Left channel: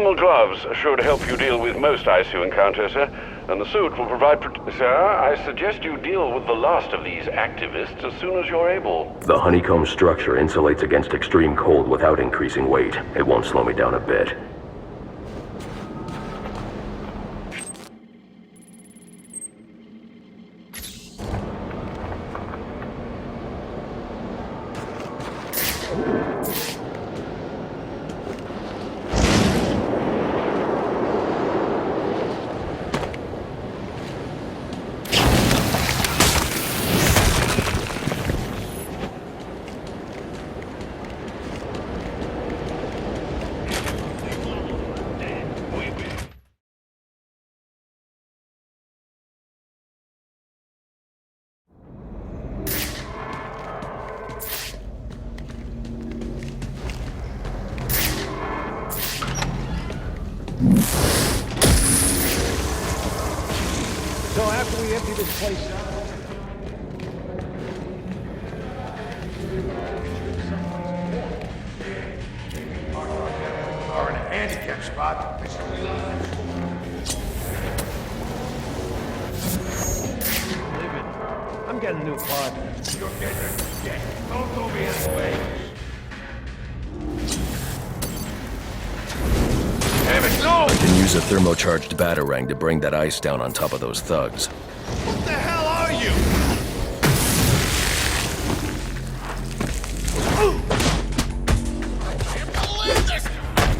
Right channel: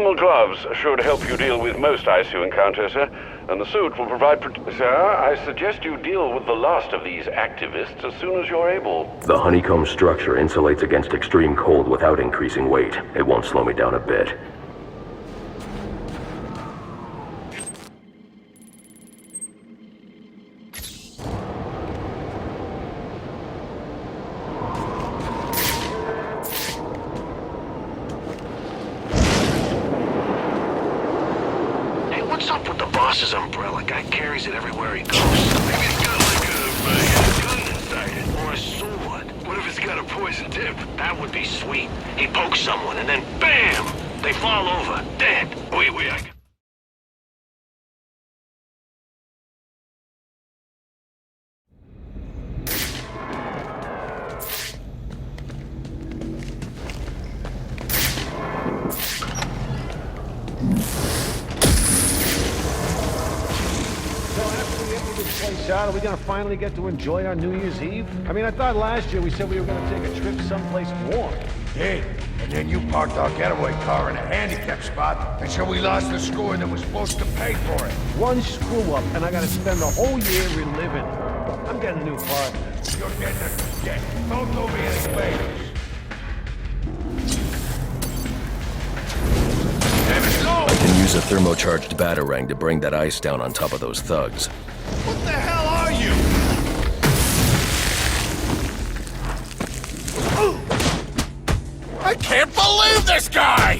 thermal gloves should help you deal with most ice you encounter, sir. And the suit will provide Sir, I suggest you deal with the last of these activists as soon as you're able. The honeycomb structure insulates against extreme cold without increasing weight. It won't slow me down a bit. Umbrella guy carries it everywhere he goes. Or a sword. What if it's got a poison tip? That would be sweet. He pokes someone and then BAM! They fall over, dead. Wait. So after we empty this place out, are we gonna finally get to enjoy our New Year's Eve? I mean, I thought last year we said we were gonna take a trip someplace warm. Did. And then you parked our getaway car in a handicap spot, and so we lost the score that was supposed to pay for it. One screw up, and I gotta spend the whole year reliving it. I'm getting a new partner. You're getting a get. Don't do me any favors. Damn it, no! I can use a thermocharged batarang to bring that ice down on top of those thugs. What the hell are you? I can't believe this guy!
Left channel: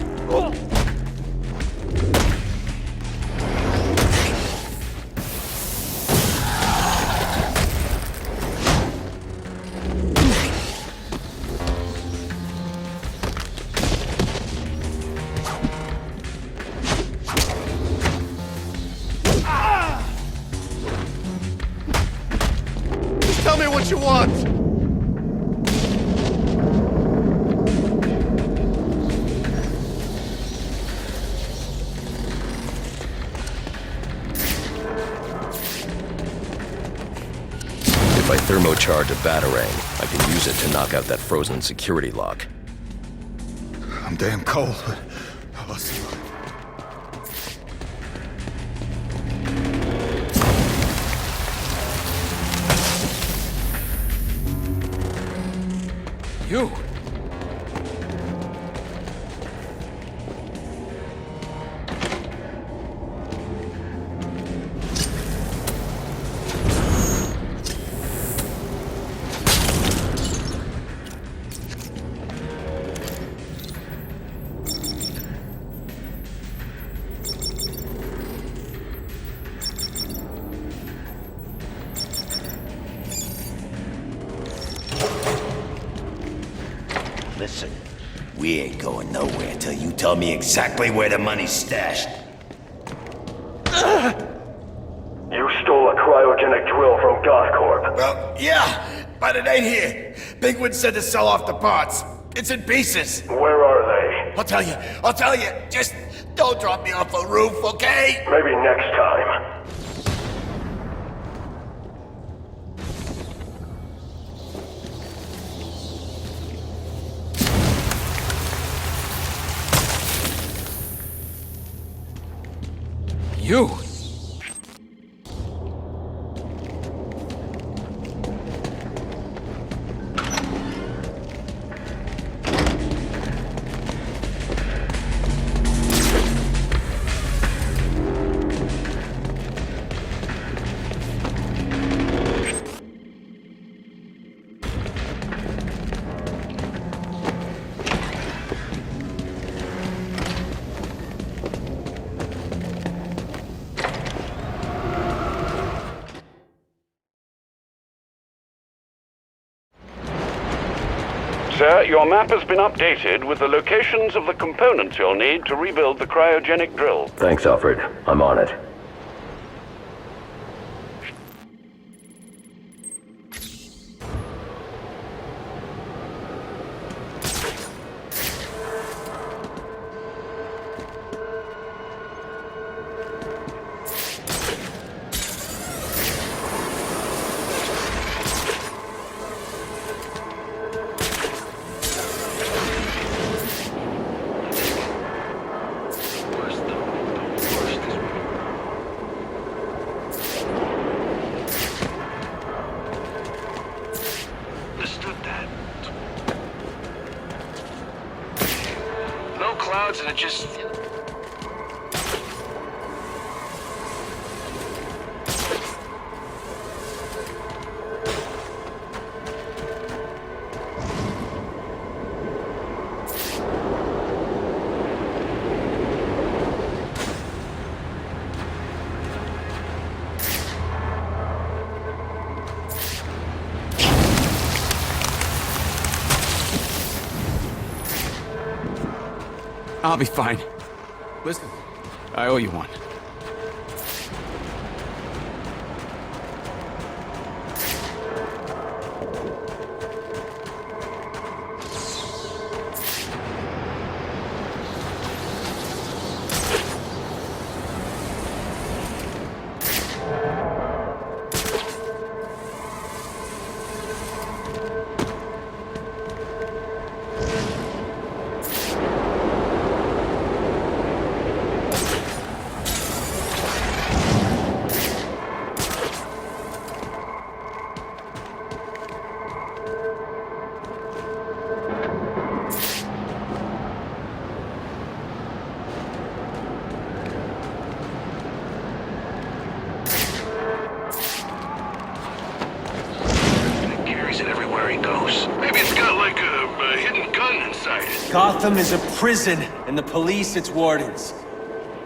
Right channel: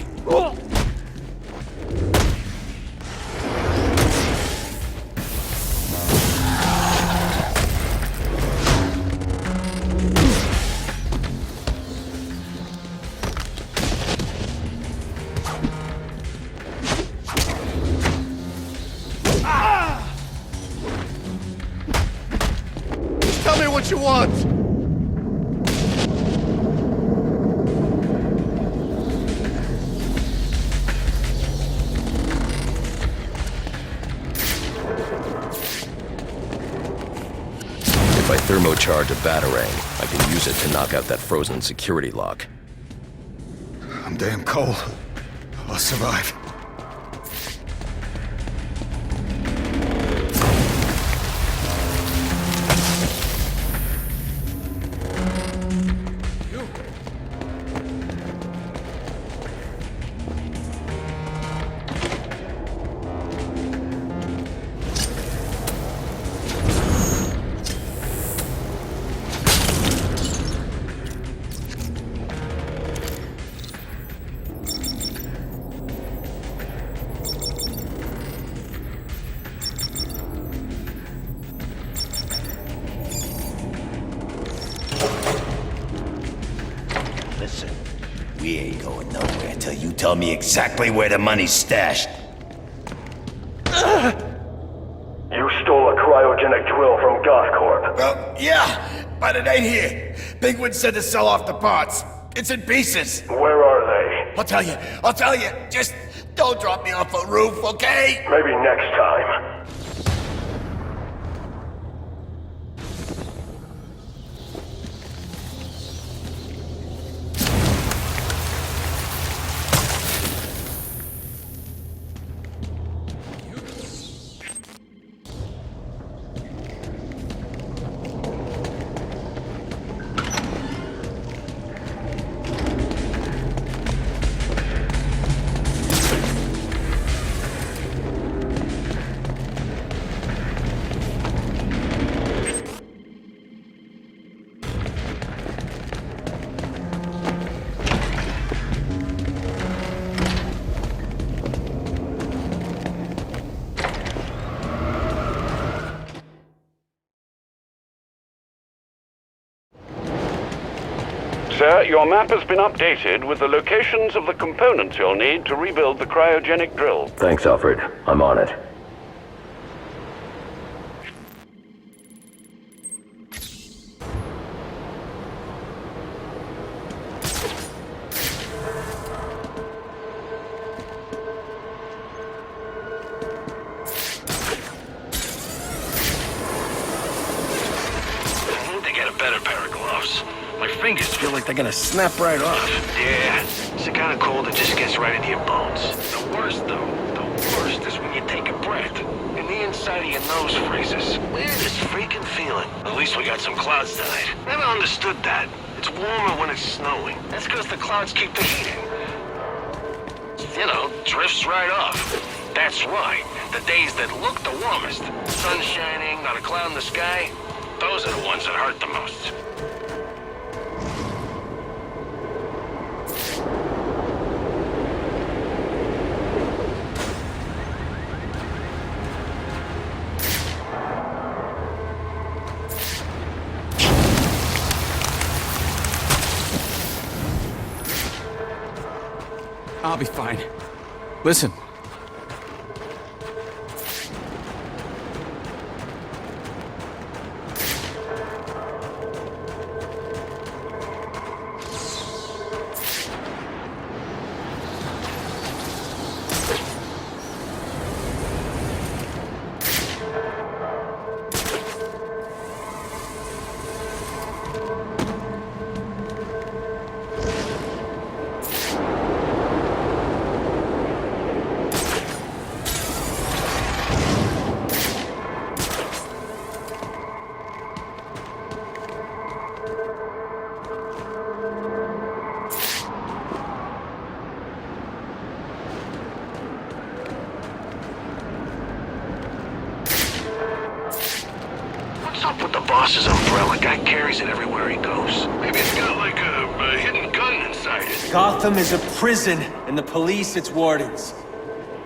Just tell me what you want! If I thermocharge a batarang, I can use it to knock out that frozen security lock. I'm damn cold, but I'll survive. You! Listen, we ain't going nowhere till you tell me exactly where the money's stashed. You stole a cryogenic drill from Gothcorp. Well, yeah, but it ain't here. Penguin said to sell off the parts. It's in pieces. Where are they? I'll tell you. Just don't drop me off a roof, okay? Maybe next time. You! Sir, your map has been updated with the locations of the components you'll need to rebuild the cryogenic drill. Thanks, Alfred. I'm on it. They're gonna snap right off. Yeah, it's the kind of cold that just gets right into your bones. clouds keep the heat in. No clouds and it just, drifts right off. That's right. The days that look the warmest, sun shining, not a cloud in the sky, those are the ones that hurt the most. I'll be fine. Listen, I owe you one. Boss's umbrella guy carries it everywhere he goes. Maybe it's got like a hidden gun inside it. Gotham is a prison, and the police its wardens.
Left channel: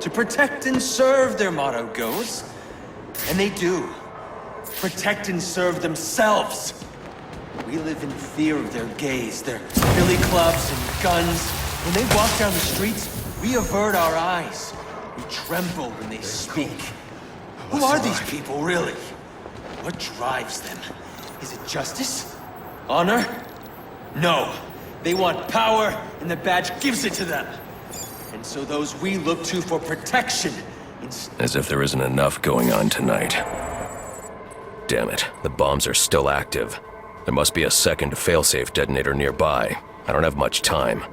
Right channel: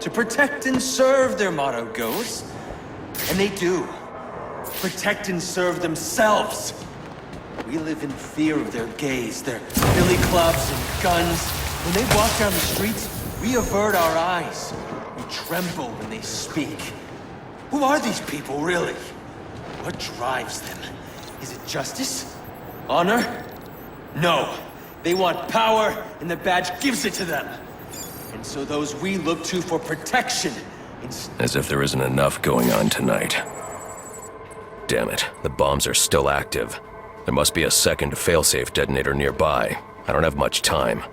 To protect and serve, their motto goes. And they do. Protect and serve themselves. We live in fear of their gaze, their billy clubs and guns. When they walk down the streets, we avert our eyes. We tremble when they speak. Who are these people, really? What drives them? Is it justice? Honor? No. They want power, and the badge gives it to them. And so those we look to for protection... As if there isn't enough going on tonight. Damn it, the bombs are still active. There must be a second failsafe detonator nearby. I don't have much time.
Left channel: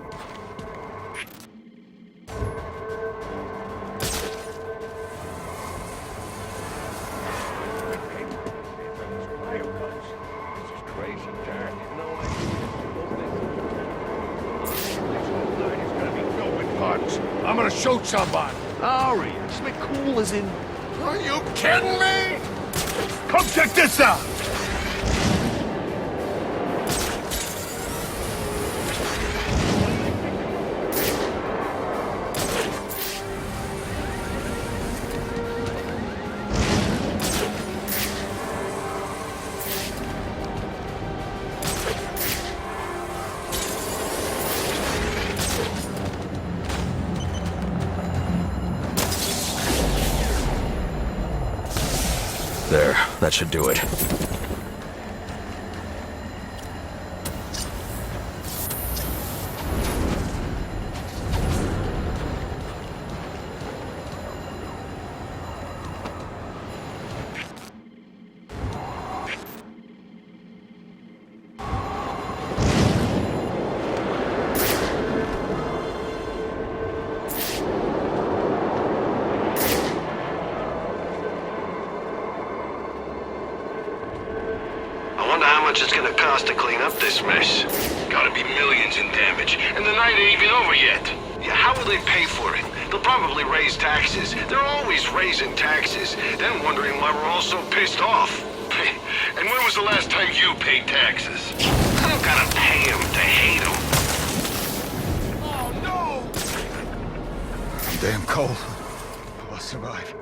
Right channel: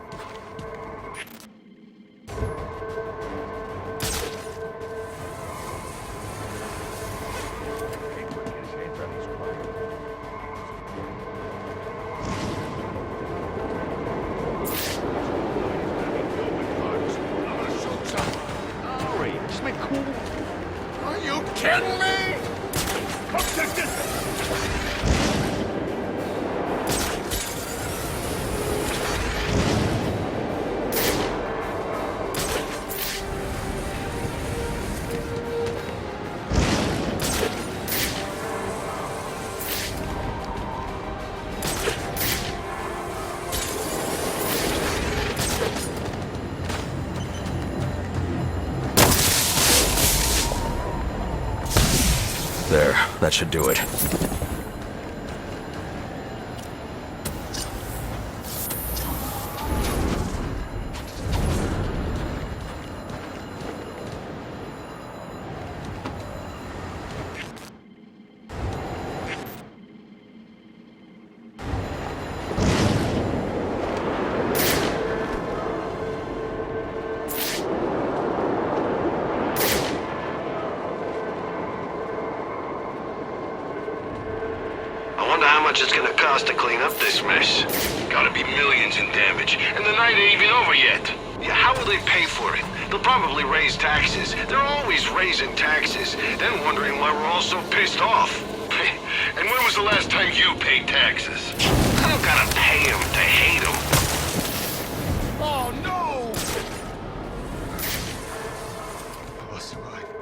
I'm gonna shoot somebody. Hurry, I just meant cool as in... Are you kidding me? Come check this out. There, that should do it. I wonder how much it's gonna cost to clean up this mess. Gotta be millions in damage, and the night ain't even over yet. Yeah, how will they pay for it? They'll probably raise taxes. They're always raising taxes, then wondering why we're all so pissed off. And when was the last time you paid taxes? I don't gotta pay them to hate them. Oh, no! I'm damn cold. I'll survive.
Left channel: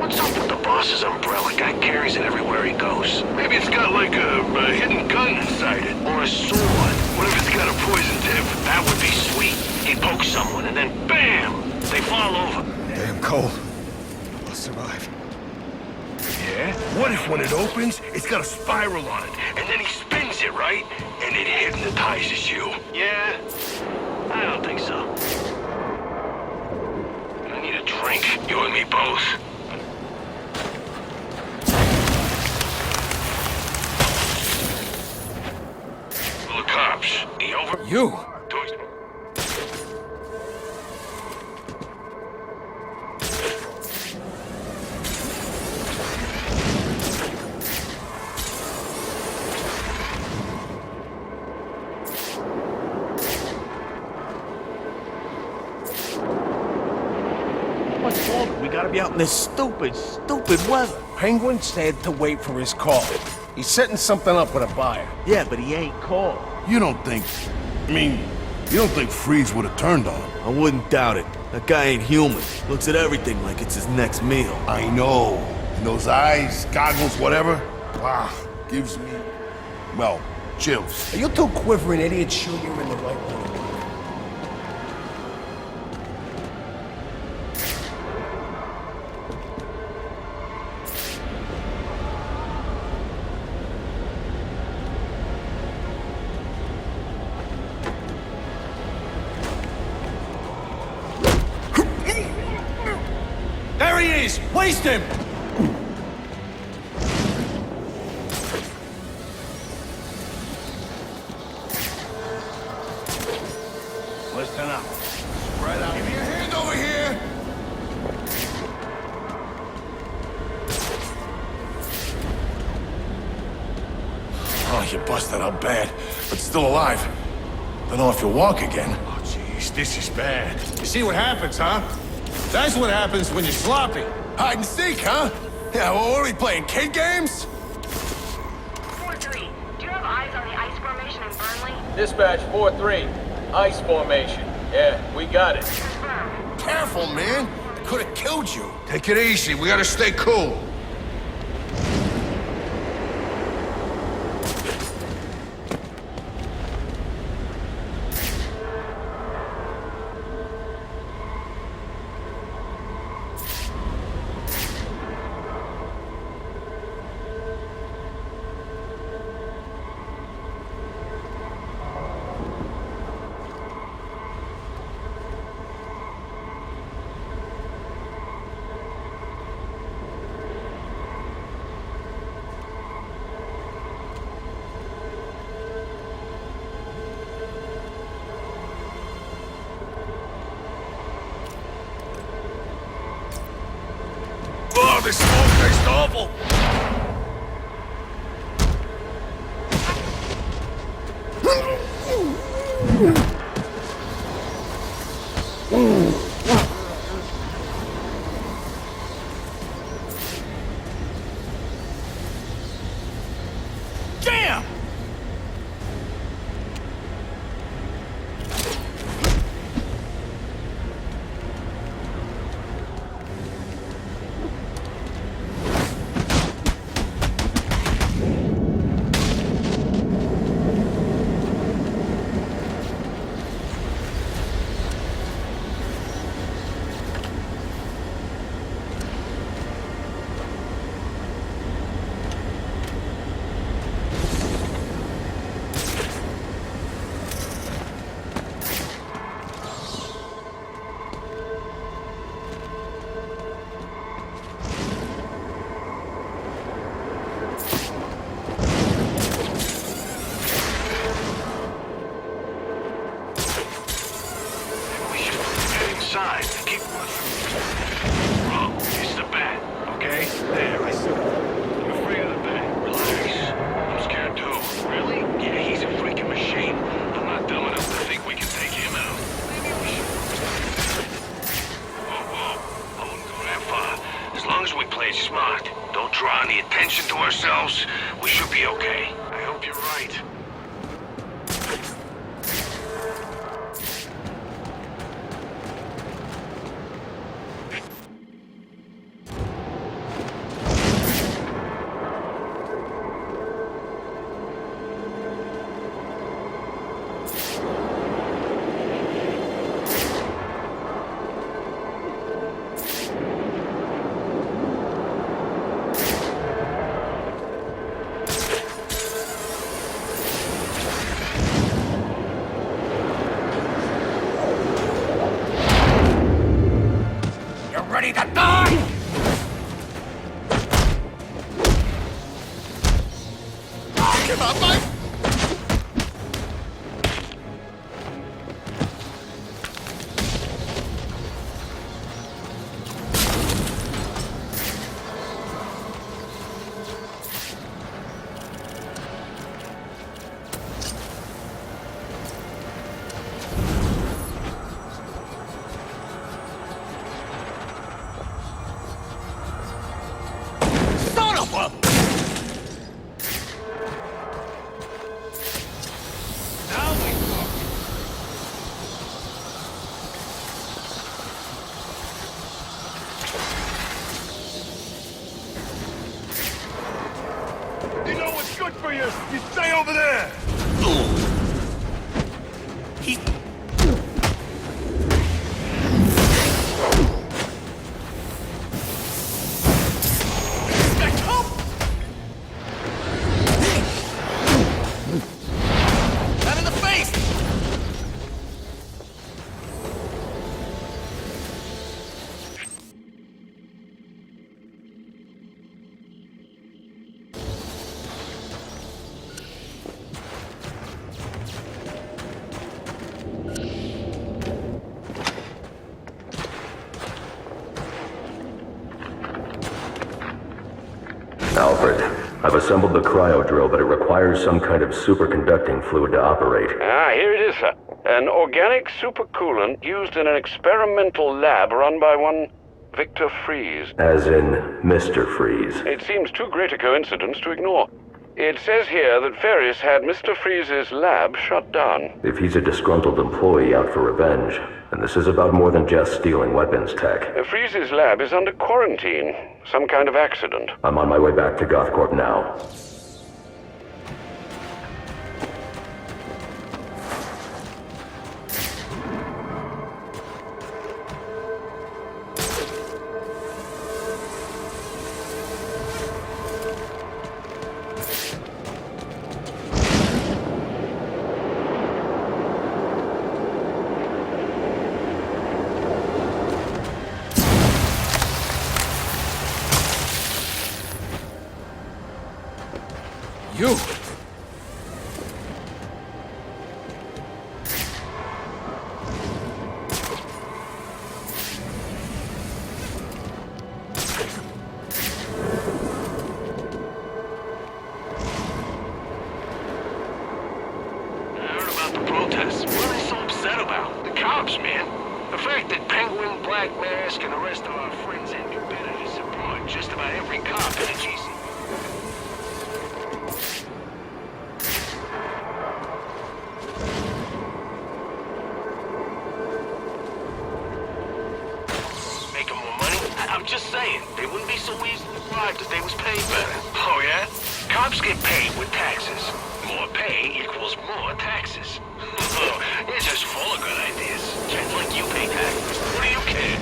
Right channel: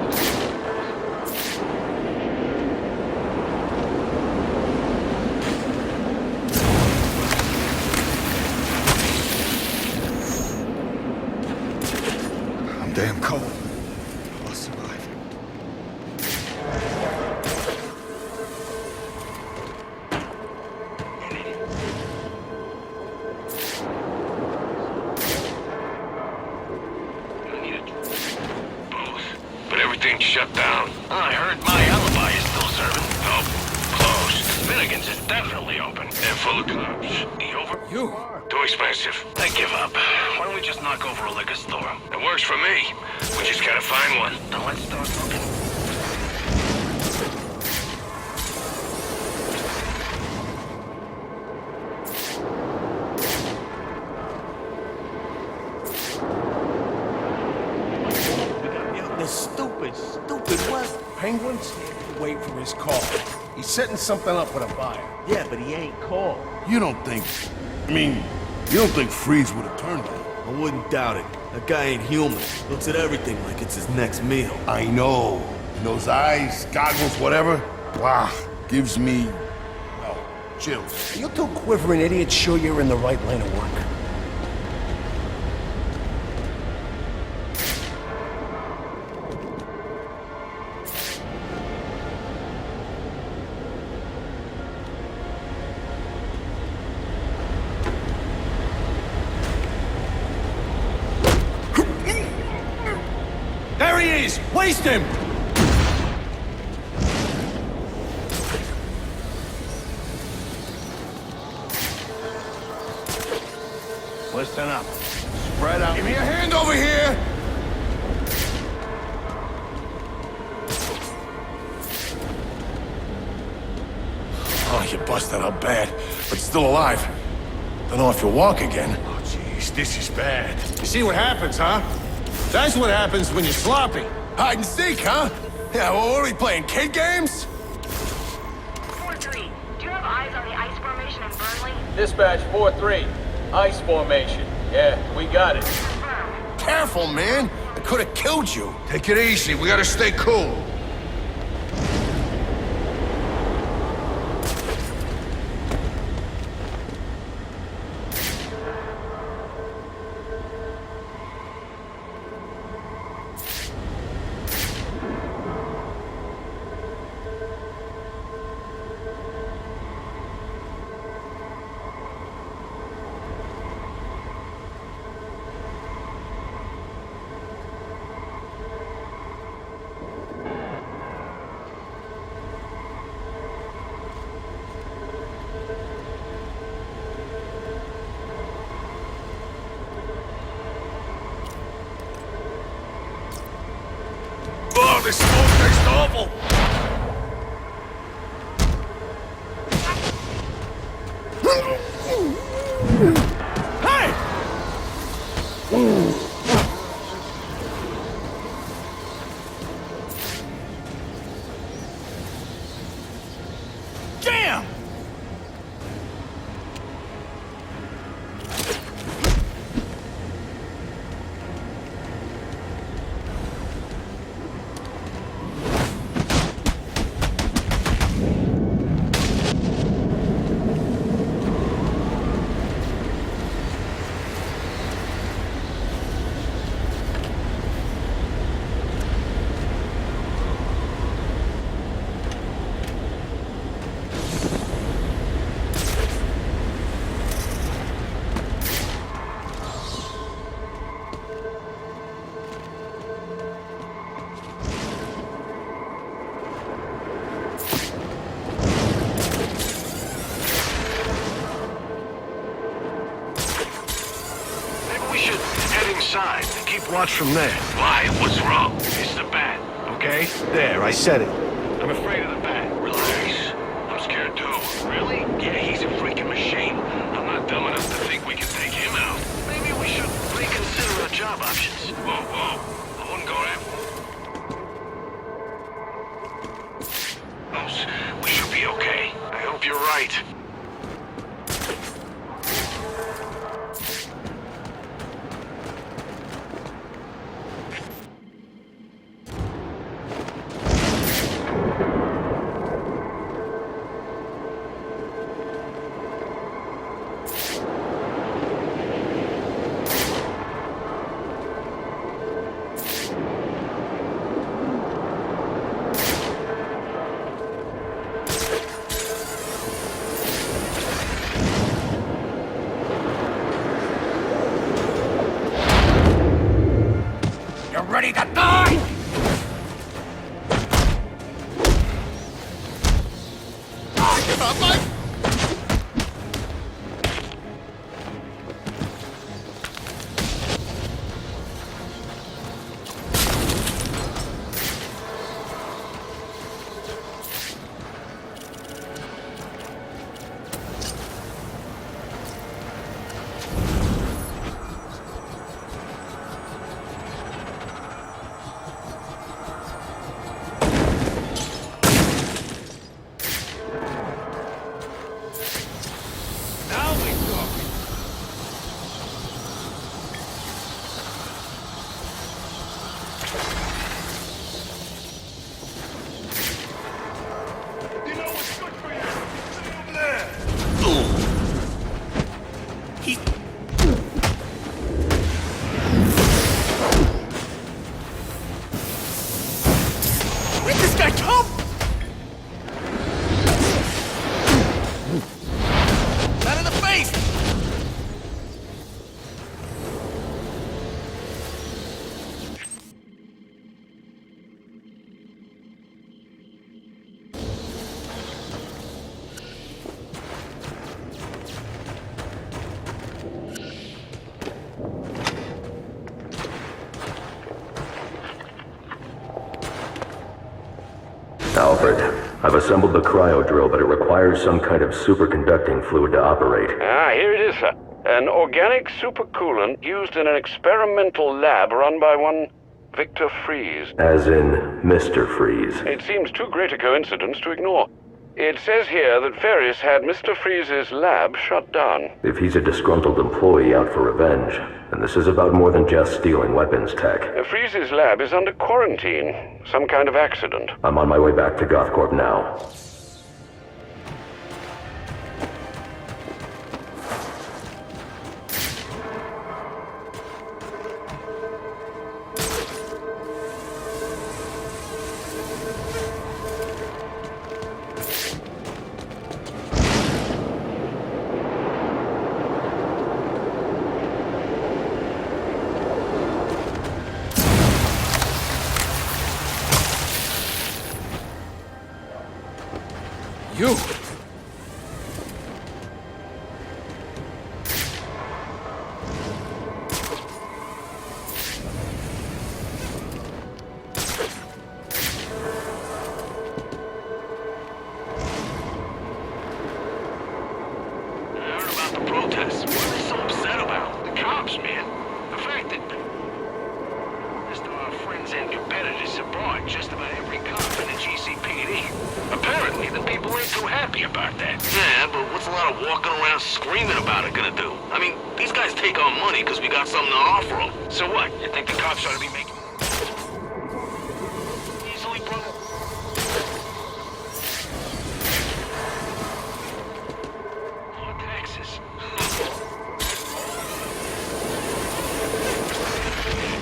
What's up with the boss's umbrella guy carries it everywhere he goes? Maybe it's got like a hidden gun inside it. Or a sword. What if it's got a poison tip? That would be sweet. He'd poke someone and then bam! They fall over. I'm damn cold. I'll survive. Yeah? What if when it opens, it's got a spiral on it, and then he spins it, right? And it hypnotizes you. Yeah? I don't think so. I need a drink. You and me both. But everything's shut down. I heard my otherwise. Closed. Finnegan's is definitely open. And full of cops. The over... You? Too expensive. They give up. Why don't we just knock over a liquor store? It works for me. We just gotta find one. Now let's start looking. How much longer? We gotta be out in this stupid weather. Penguin said to wait for his call. He's setting something up with a buyer. Yeah, but he ain't called. You don't think... you don't think Freeze would have turned on him? I wouldn't doubt it. That guy ain't human. Looks at everything like it's his next meal. I know. And those eyes, goggles, whatever, wow, gives me, well, chills. Are you two quivering idiots sure you're in the right line of work? There he is! Waste him! Listen up. Spread out. Give me a hand over here! Oh, you busted up bad, but still alive. Don't know if you'll walk again. Oh, jeez, this is bad. You see what happens, huh? That's what happens when you're sloppy. Hide and seek, huh? Yeah, well, what are we playing, kid games? 4-3, do you have eyes on the ice formation in Burnley? Dispatch 4-3. Ice formation. Yeah, we got it. Confirm. Careful, man. I could have killed you. Take it easy. We gotta stay cool. Oh, this smoke tastes awful! Damn! Inside. Keep watch from there. Why? What's wrong? It's the bat. Okay? There, I said it. I'm afraid of the bat. Relax. I'm scared too. Really? Yeah, he's a freaking machine. I'm not dumb enough to think we can take him out. Maybe we should reconsider the job options. Whoa. I wouldn't go that far. As long as we play it smart, don't draw any attention to ourselves, we should be okay. I hope you're right. Ready to die! Oh, give up, Mike! good for you! You stay over there! He... Where'd this guy come? Not in the face! Alfred, I've assembled the cryo drill, but it requires some kind of superconducting fluid to operate. Here it is, sir. An organic supercoolant used in an experimental lab run by one Victor Freeze. As in Mr. Freeze. It seems too great a coincidence to ignore. It says here that Ferris had Mr. Freeze's lab shut down. If he's a disgruntled employee out for revenge, then this is about more than just stealing weapons tech. Freeze's lab is under quarantine. Some kind of accident. I'm on my way back to Gothcorp now. You! The protests. What are they so upset about? The cops, man. The fact that Penguin, Black Mask, and the rest of our friends and competitors support just about every cop in the GCPD. Apparently, the people ain't too happy about that. Yeah, but what's a lot of walking around screaming about it gonna do? I mean, these guys take our money because we got something to offer them. So what? You think the cops ought to be making more money? I'm just saying, they wouldn't be so easily bribed if they was paid better. Oh, yeah? Cops get paid with taxes. More pay equals more taxes. You're just full of good ideas. Just like you think that. What do you care?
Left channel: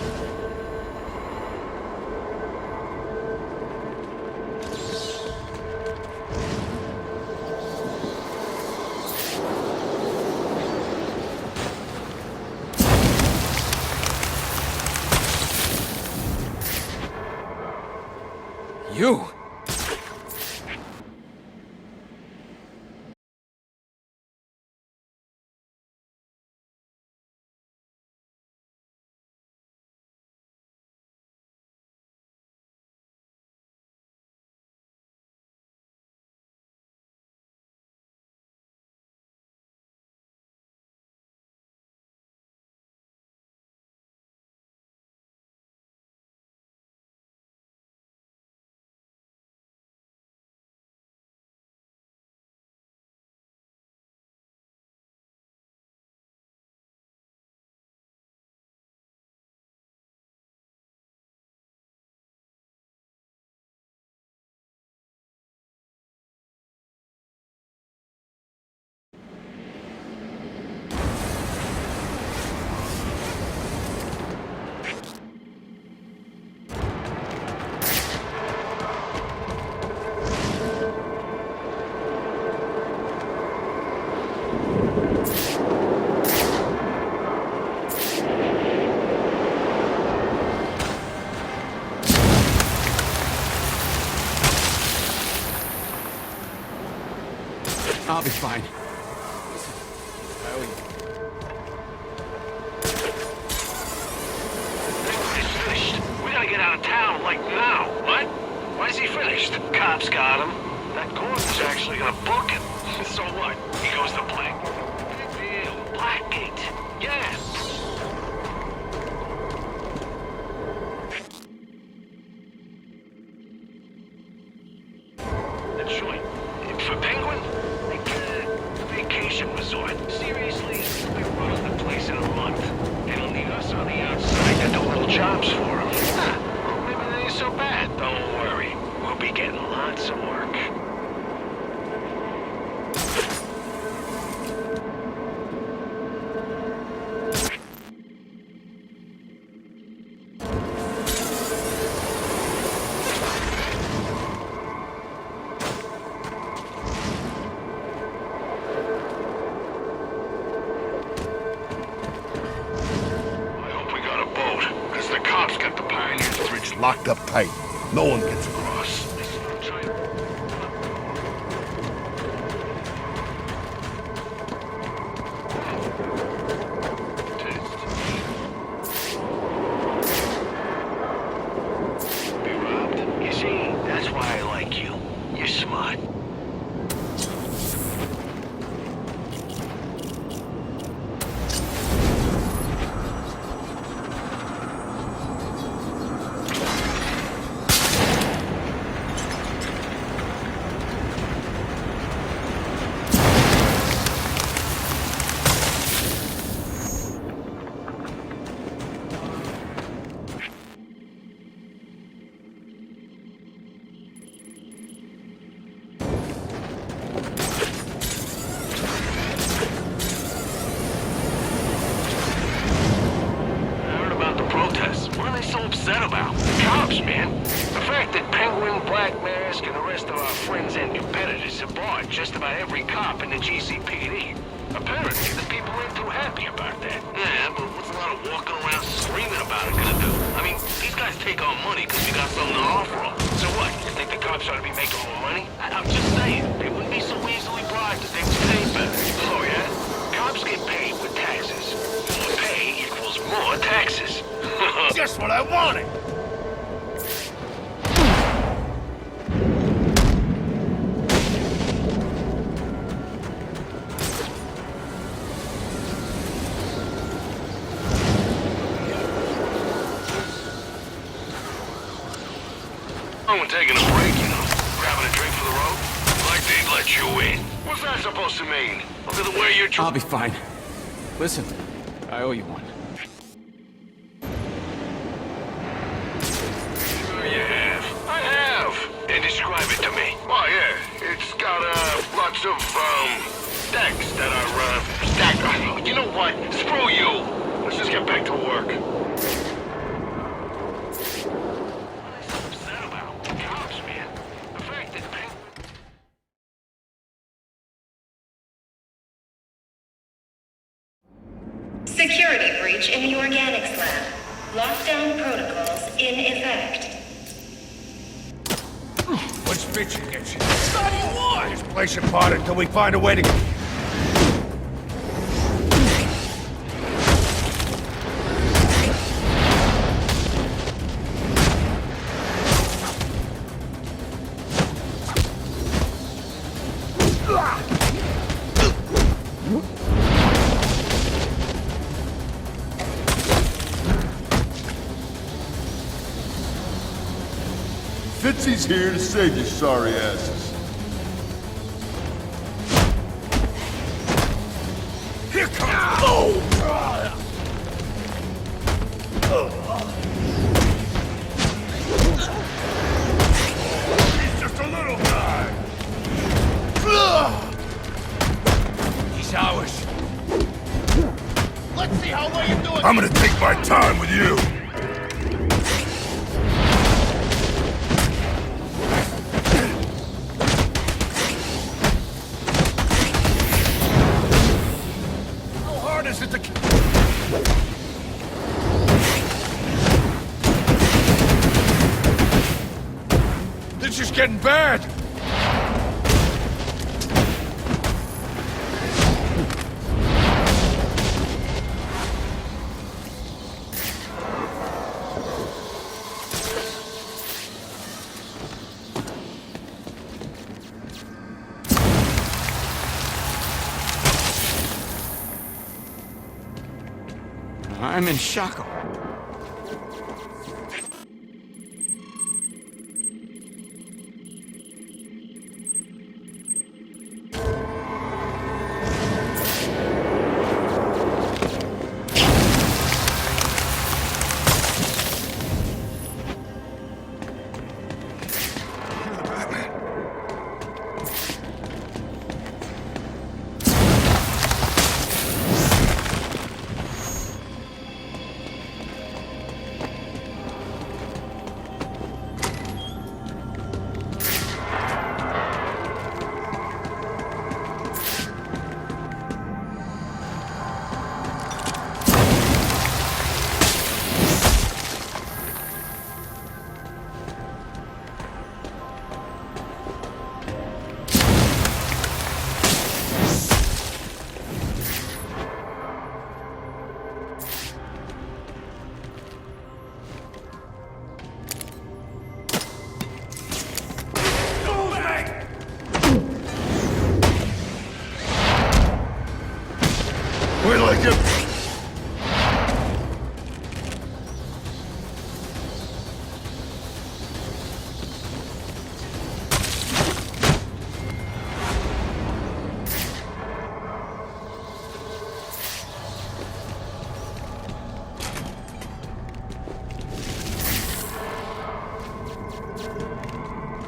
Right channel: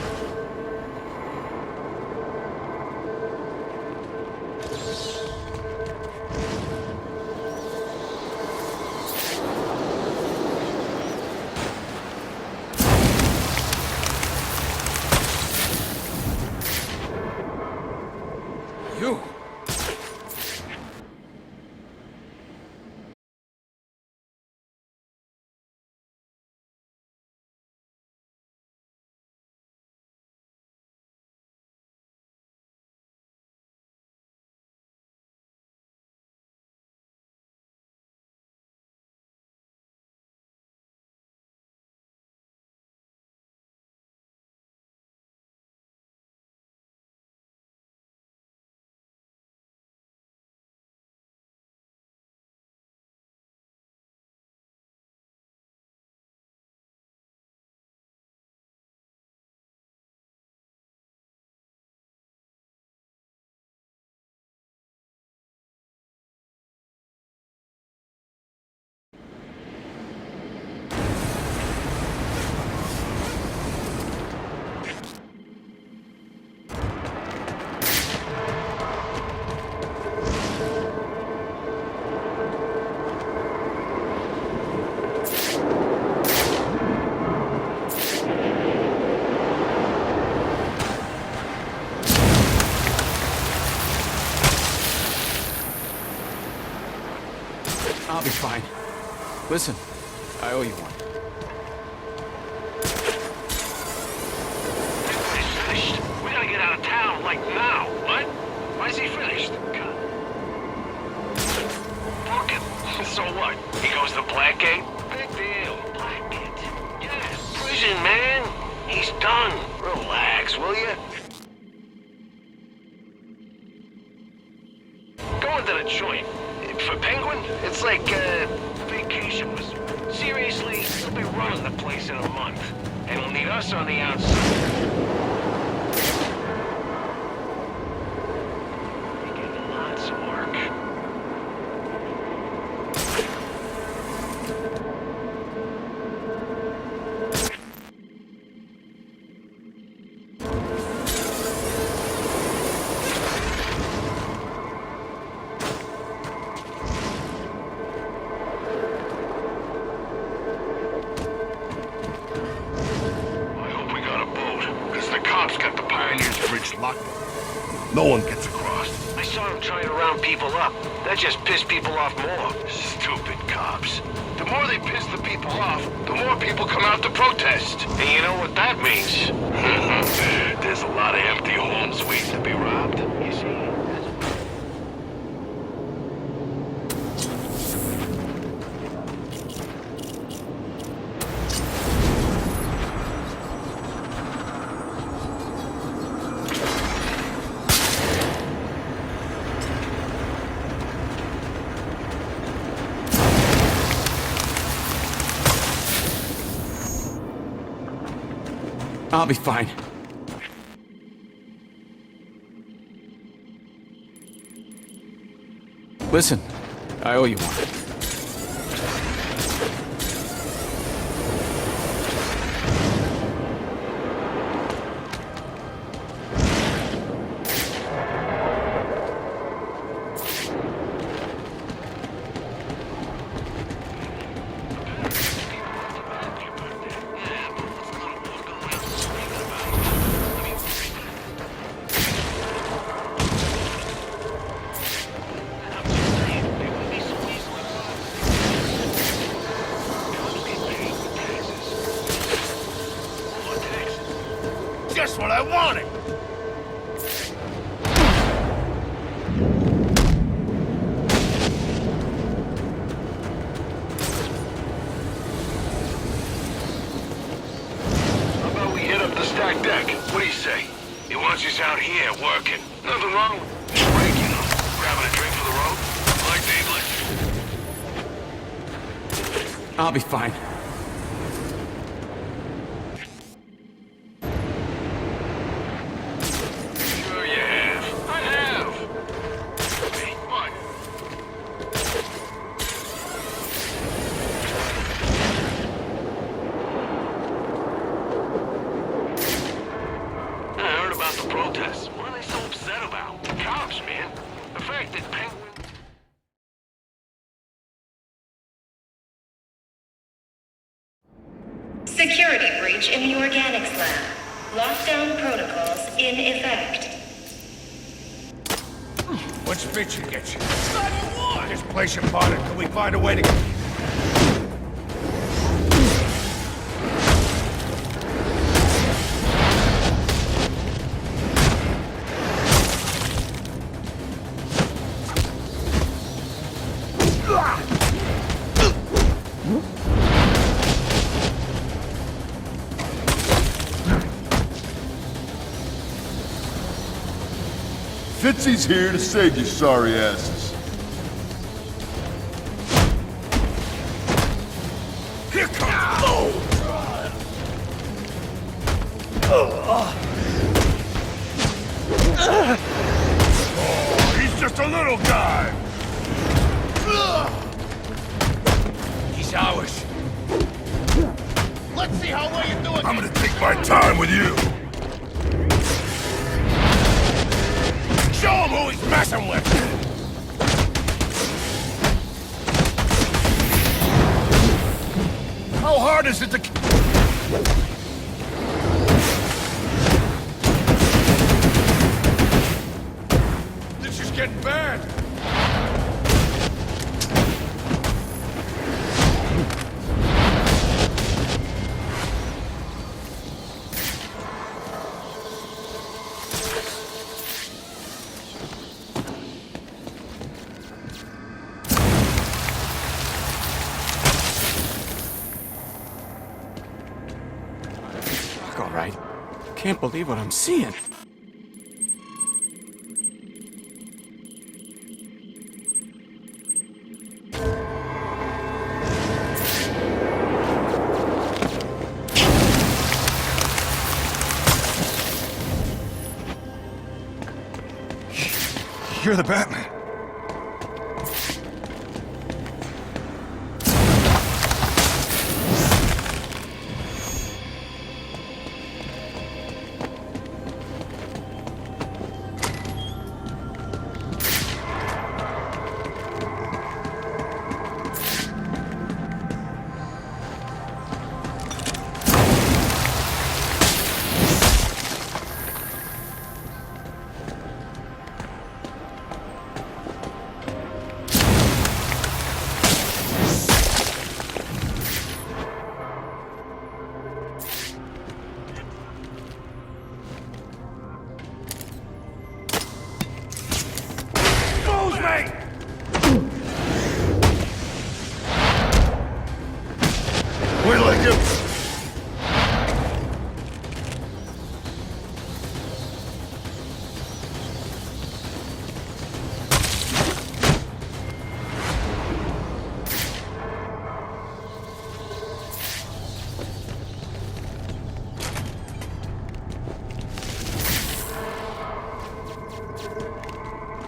You! I'll be fine. Listen, I owe you one. Everybody's finished. We gotta get out of town, like now. What? Why is he finished? Cops got him. That Gordon's actually gonna book him. So what? He goes to Blackgate? Big deal. Blackgate. Yeah, prison, man. He's done. Relax, will you? Going to the joint. For Penguin, it's like a vacation resort. Seriously, he'll be running the place in a month. And he'll need us on the outside to do little jobs for him. Maybe that ain't so bad. Don't worry. We'll be getting lots of work. Hey, no one gets across. I saw him trying to round people up. That just pissed people off more. Stupid cops. The more they piss the people off, the more people come out to protest. And you know what that means? There's a lot of empty homes waiting to be robbed. You see, that's why I like you. You're smart. I'll be fine. Listen, I owe you. Heard about the protests. What are they so upset about? Cops, man. The fact that Penguin, Black Mask, and the rest of our friends and competitors have bought just about every cop in the GCPD. Apparently, the people ain't too happy about that. Yeah, but what's a lot of walking around screaming about it gonna do? I mean, these guys take our money because they got something to offer them. So what, you think the cops ought to be making more money? I'm just saying, they wouldn't be so easily bribed to take the things that... Oh, yeah? Cops get paid with taxes. More pay equals more taxes. Just what I wanted! How about we hit up the stack deck? What do you say? He wants us out here working. Nothing wrong with taking a break, you know. Grabbing a drink for the road? Like they'd let you in. What's that supposed to mean? Other than where you're I'll be fine. Listen, I owe you one. Sure you have. I have. And describe it to me. Oh, yeah. It's got, lots of, stacks that are, you know what? Screw you. Let's just get back to work. I heard about the protests. What are they so upset about? Cops, man. The fact that Penguin... Security breach in the organics lab. Lockdown protocols in effect. What's bitchin' get you? Study what? This place apart until we find a way to get... Fitzy's here to save you sorry asses. Here comes... Oh! Oh, he's just a little guy. He's ours. Let's see how well you're doing. I'm gonna take my time with you. Show him who he's messing with. How hard is it to... This is getting bad. I'm in shock, all right. Can't believe what I'm seeing. You're the Batman. me! Wait till I get...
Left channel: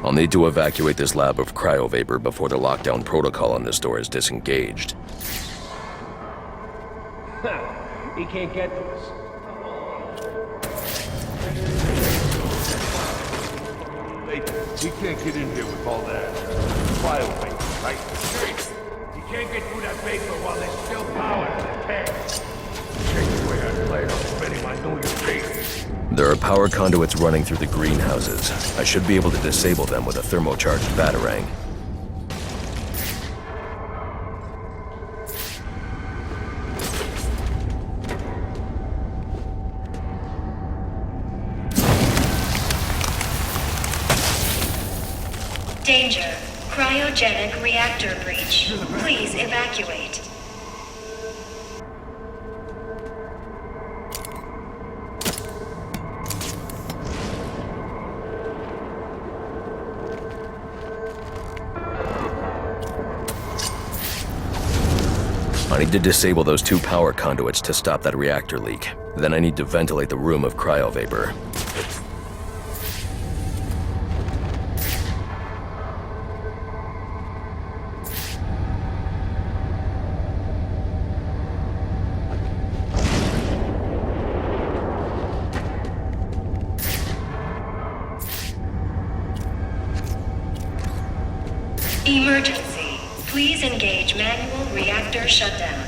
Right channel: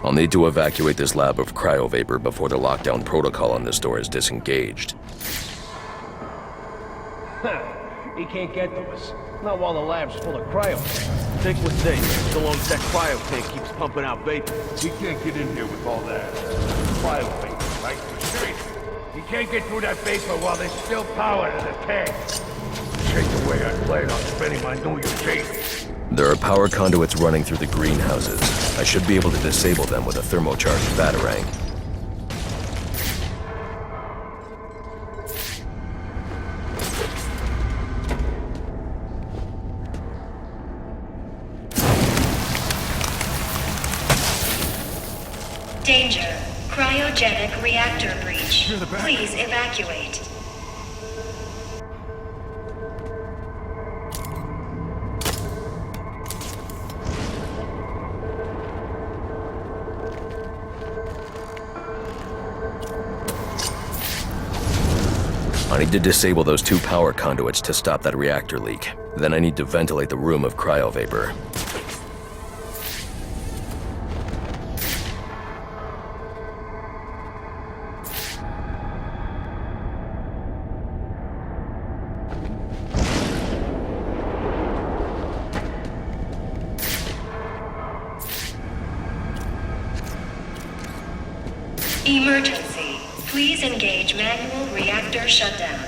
I'll need to evacuate this lab of cryovapor before the lockdown protocol on this door is disengaged. He can't get to us. Not while the lab's full of cryo. Fix the thing. So long as that cryo thing keeps pumping out vapor. We can't get in here with all that, cryo vapor, right? But Shane, you can't get through that vapor while there's still power to the tank. Change the way I plan on spending my New Year's Eve. There are power conduits running through the greenhouses. I should be able to disable them with a thermocharged batarang. Danger. Cryogenic reactor breach. Please evacuate. I need to disable those 2 power conduits to stop that reactor leak. Then I need to ventilate the room of cryovapor. Emergency. Please engage manual reactor shutdown.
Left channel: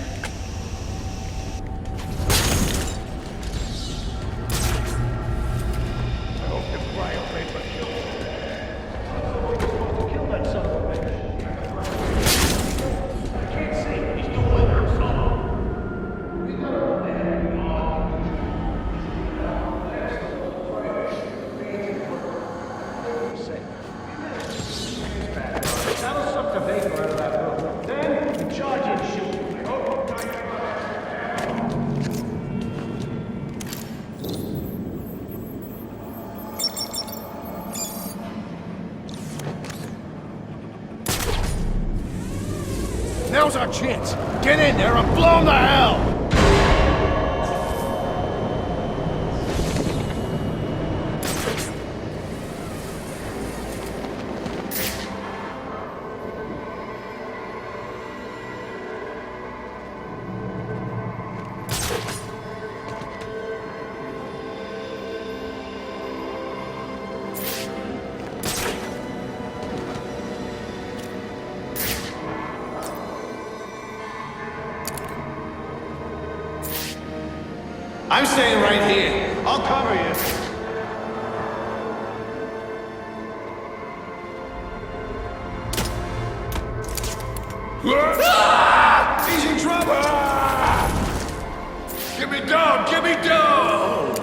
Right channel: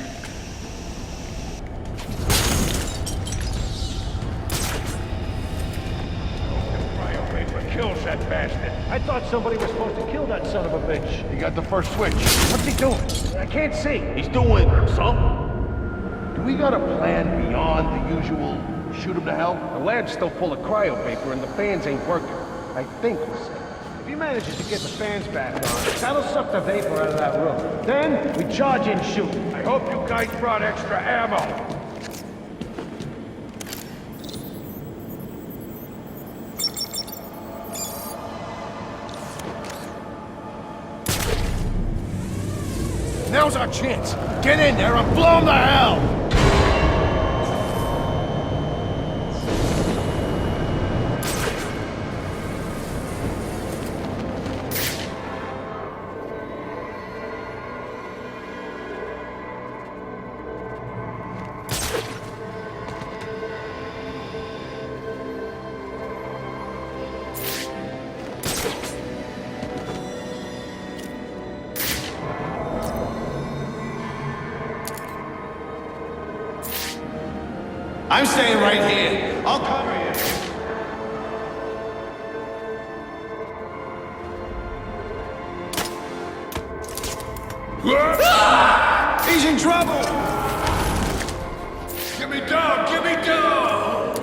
I hope the cryo vapor kills that bastard. I thought somebody was supposed to kill that son of a bitch. He got the first switch. What's he doing? I can't see. He's doing something. Do we got a plan beyond the usual shoot him to hell? The lab's still full of cryo vapor and the fans ain't working. I think he said. If he manages to get the fans back on, that'll suck the vapor out of that room. Then we charge in shoot. I hope you guys brought extra ammo. Now's our chance. Get in there and blow him to hell! I'm staying right here. I'll cover you. Ah! He's in trouble! Get me down! Get me down!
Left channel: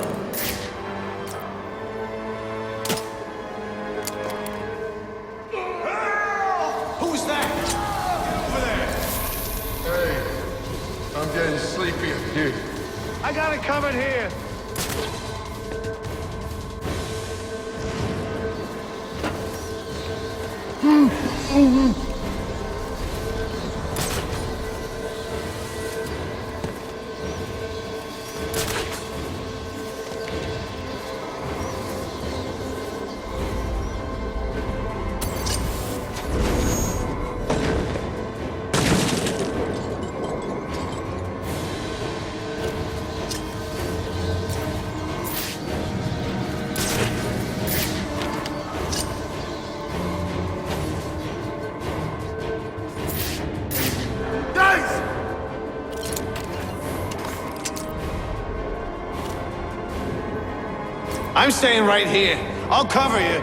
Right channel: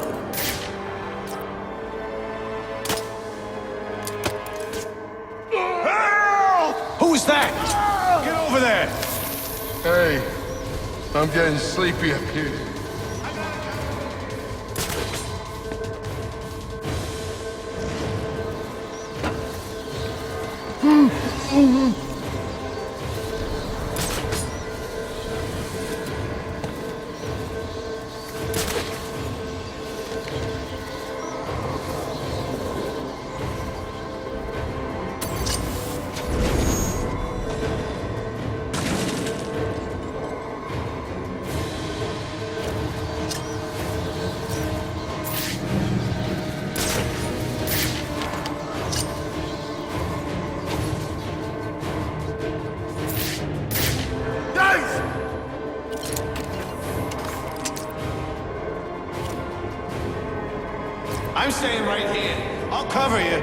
Help! Who's that? Get over there! Hey, I'm getting sleepy up here. I got it covered here. I'm staying right here. I'll cover you.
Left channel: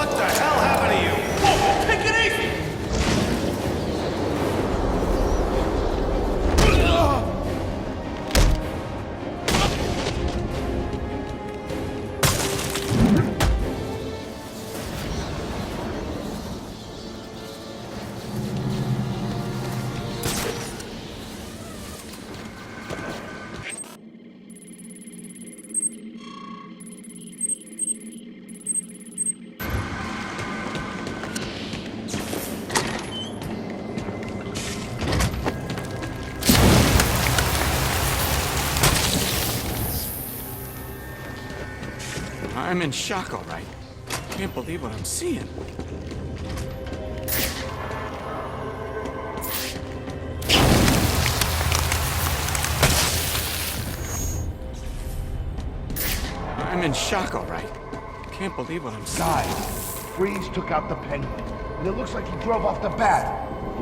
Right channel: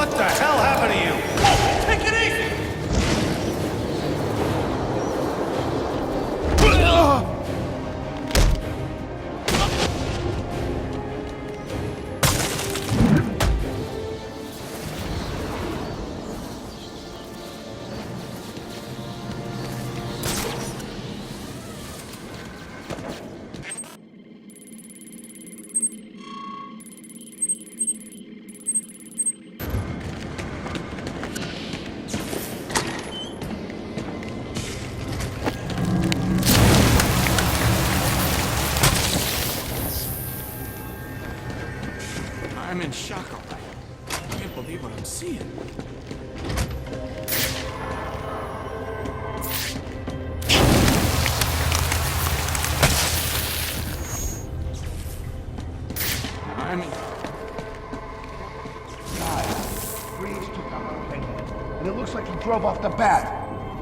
What the hell happened to you? Whoa, take it easy! I'm in shock, all right. I can't believe what I'm seeing. I'm in shock, all right. I can't believe what I'm seeing. Guys, Freeze took out the Penguin, and it looks like he drove off the Bat.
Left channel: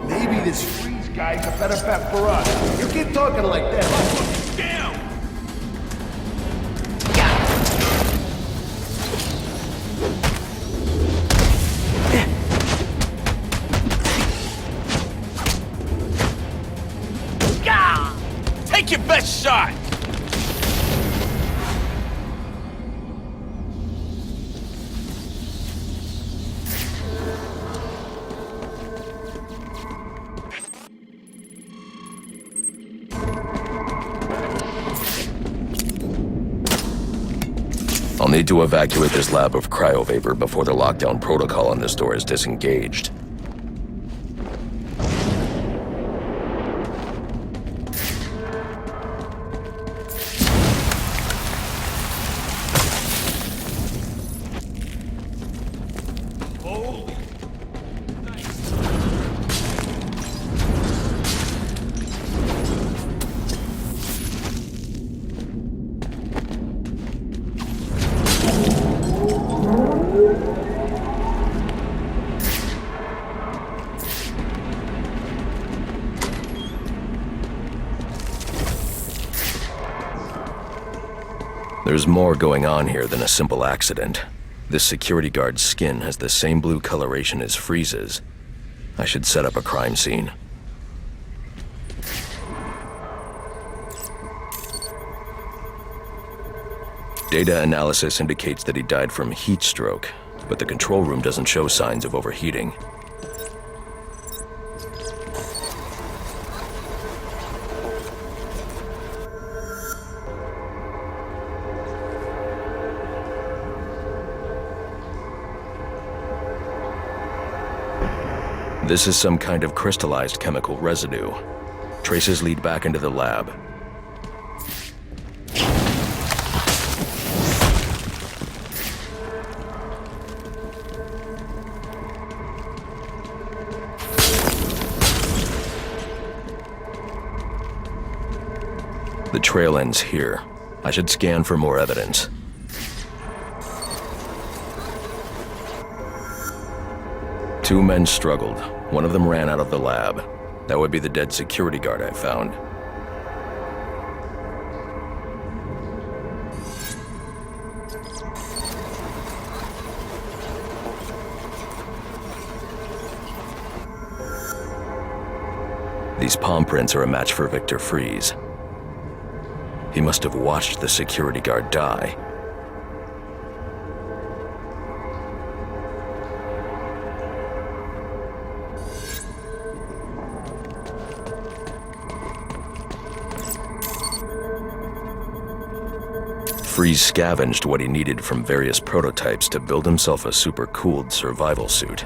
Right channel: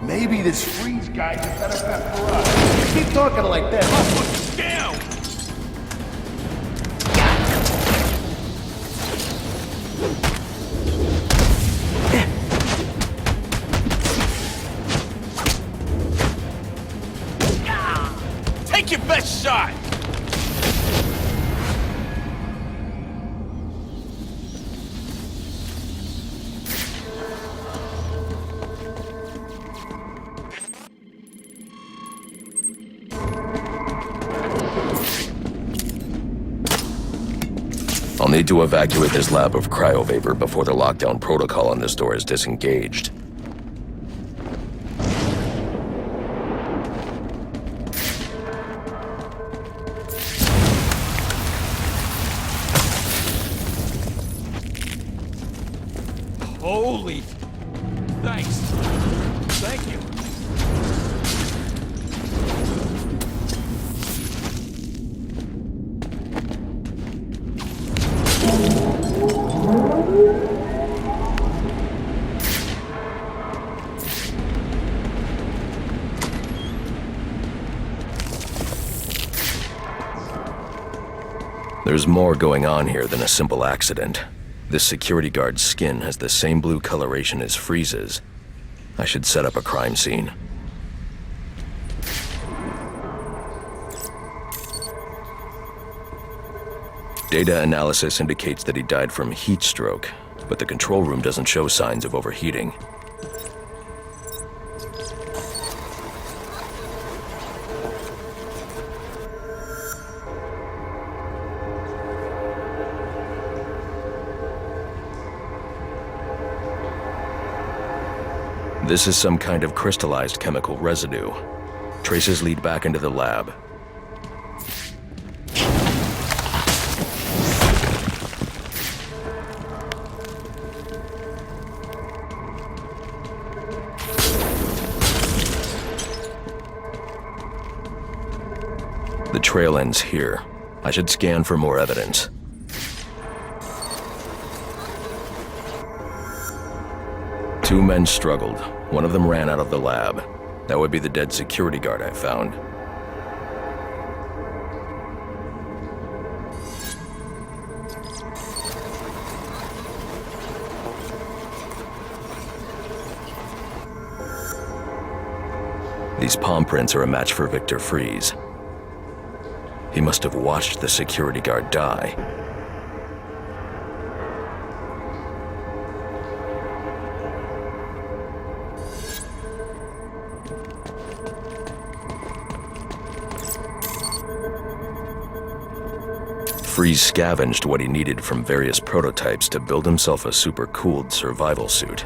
Maybe this Freeze guy's a better bet for us. You keep talking like that, I'll put you down! Take your best shot! I'll need to evacuate this lab of cryovapor before the lockdown protocol on this door is disengaged. Holy... Thanks. Thank you. There's more going on here than a simple accident. This security guard's skin has the same blue coloration as Freeze's. I should set up a crime scene. Data analysis indicates that he died from heat stroke, but the control room doesn't show signs of overheating. This is some kind of crystallized chemical residue. Traces lead back into the lab. The trail ends here. I should scan for more evidence. Two men struggled. One of them ran out of the lab. That would be the dead security guard I found. These palm prints are a match for Victor Freeze. He must have watched the security guard die. Freeze scavenged what he needed from various prototypes to build himself a super-cooled survival suit.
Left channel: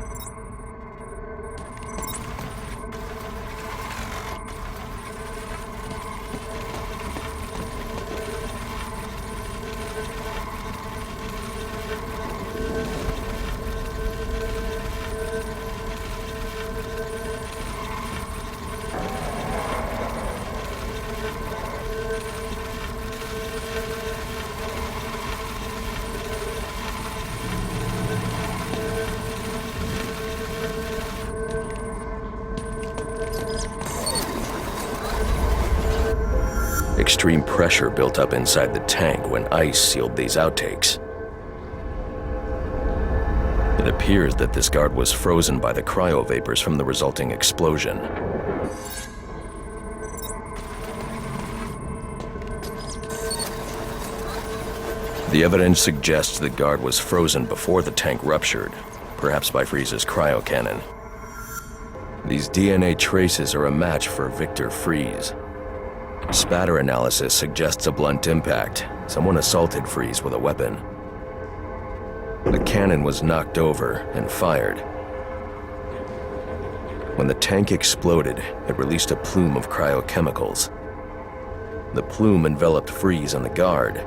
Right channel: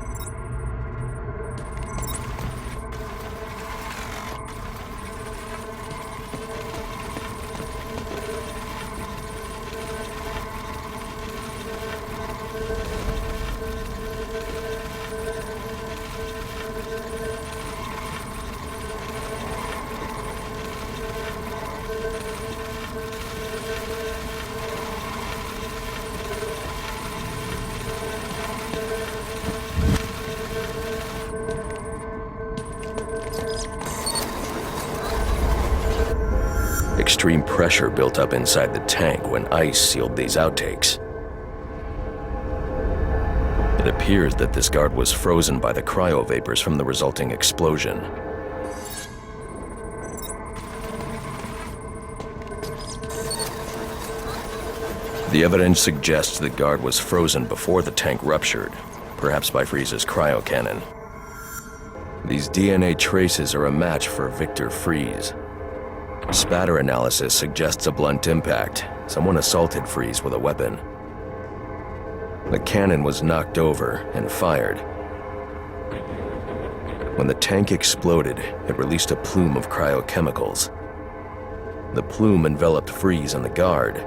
Extreme pressure built up inside the tank when ice sealed these outtakes. It appears that this guard was frozen by the cryovapors from the resulting explosion. The evidence suggests the guard was frozen before the tank ruptured, perhaps by Freeze's cryocannon. These DNA traces are a match for Victor Freeze. Spatter analysis suggests a blunt impact. Someone assaulted Freeze with a weapon. The cannon was knocked over and fired. When the tank exploded, it released a plume of cryochemicals. The plume enveloped Freeze and the guard,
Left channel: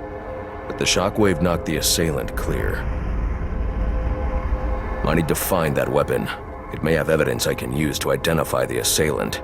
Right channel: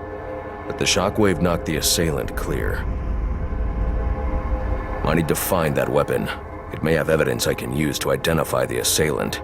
but the shockwave knocked the assailant clear. I need to find that weapon. It may have evidence I can use to identify the assailant.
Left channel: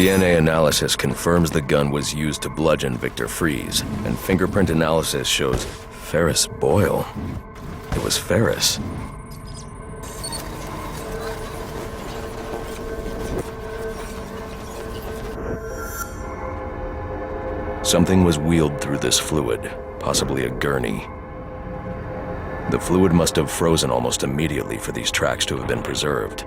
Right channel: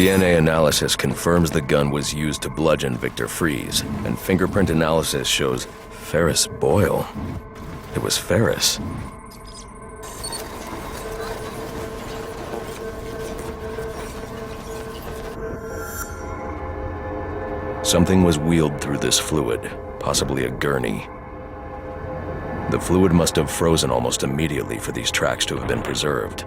DNA analysis confirms the gun was used to bludgeon Victor Freeze, and fingerprint analysis shows Ferris Boyle. It was Ferris. Something was wheeled through this fluid, possibly a gurney. The fluid must have frozen almost immediately for these tracks to have been preserved.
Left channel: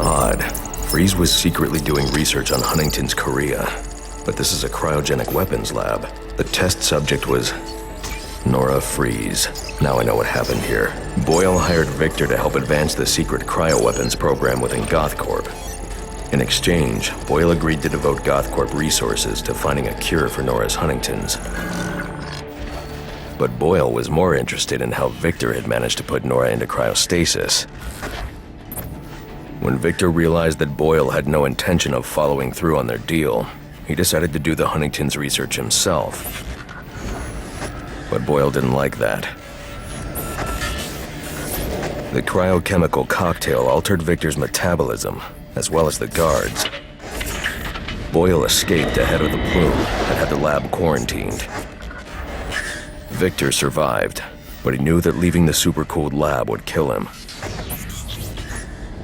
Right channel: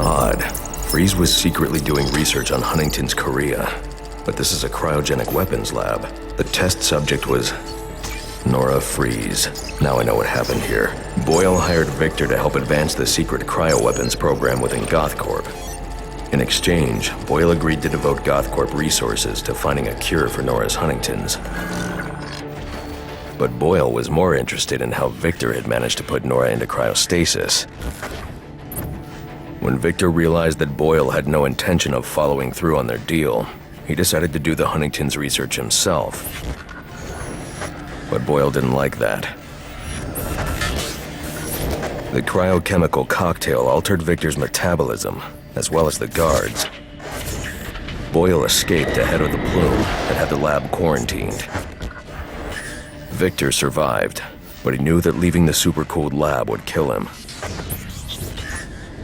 Odd. Freeze was secretly doing research on Huntington's Korea, but this is a cryogenic weapons lab. The test subject was Nora Freeze. Now I know what happened here. Boyle hired Victor to help advance the secret cryoweapons program within GothCorp. In exchange, Boyle agreed to devote GothCorp resources to finding a cure for Nora's Huntington's. But Boyle was more interested in how Victor had managed to put Nora into cryostasis. When Victor realized that Boyle had no intention of following through on their deal, he decided to do the Huntington's research himself. But Boyle didn't like that. The cryochemical cocktail altered Victor's metabolism, as well as the guards. Boyle escaped ahead of the plume and had the lab quarantined. Victor survived, but he knew that leaving the supercooled lab would kill him.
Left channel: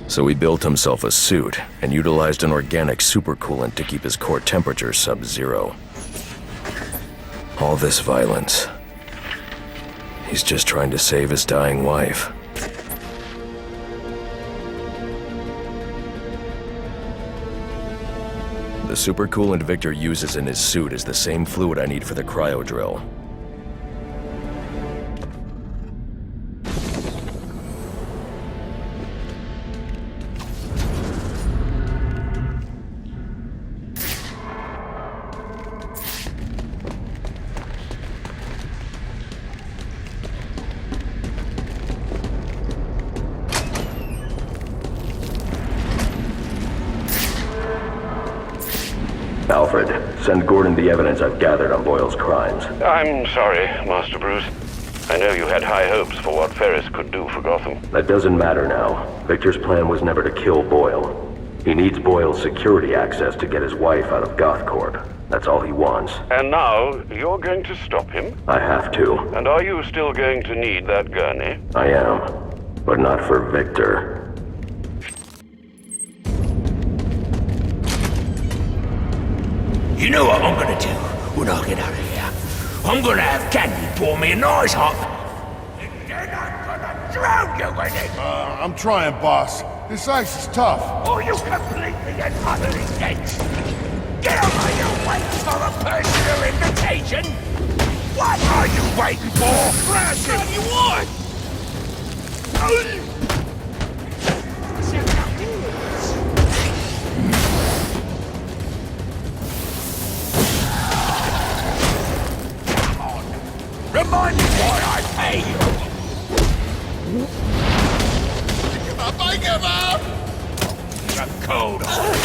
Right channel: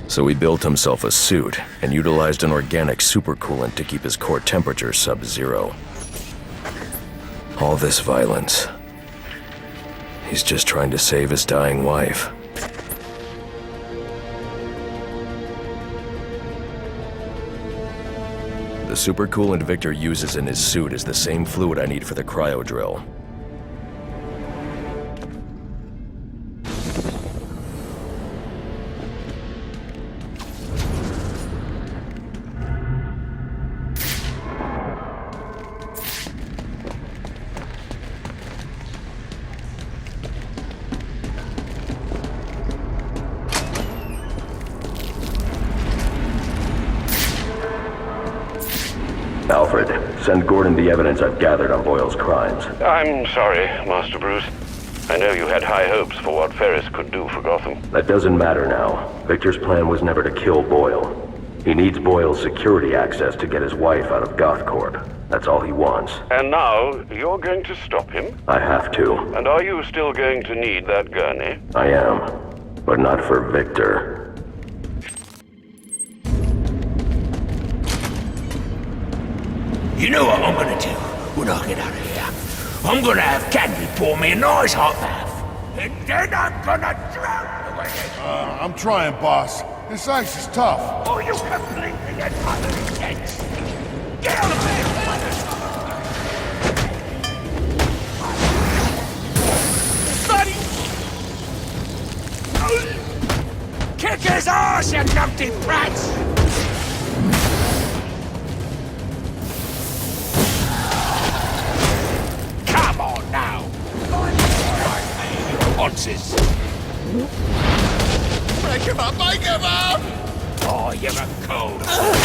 So he built himself a suit and utilized an organic supercoolant to keep his core temperature sub-zero. All this violence. He's just trying to save his dying wife. The supercoolant Victor uses in his suit is the same fluid I need for the cryo drill. Alfred, send Gordon the evidence I've gathered on Boyle's crimes. I'm sorry, Master Bruce. I know you had high hopes for what Ferris could do for Gotham. That doesn't matter now. Victor's plan was never to kill Boyle. He needs Boyle's security access to get his wife out of GothCorp. That's all he wants. And now, you're going to stop him? I have to. And are you still going to need that gurney? I am. But not for Victor. You know what I'm gonna do when I get out of here? I'm gonna have Candy pour me a nice hot bath. And then I'm gonna drown you in it! I'm trying, boss. This ice is tough. Oh, you completely and utterly dense! Get over here! waiting for a personal invitation? What are you waiting for? Bloody what? Kick his arse, you dumpty brats! Come on now! Remind me why I pay your onces! I give up! I give up! Oh, you're a cold heart!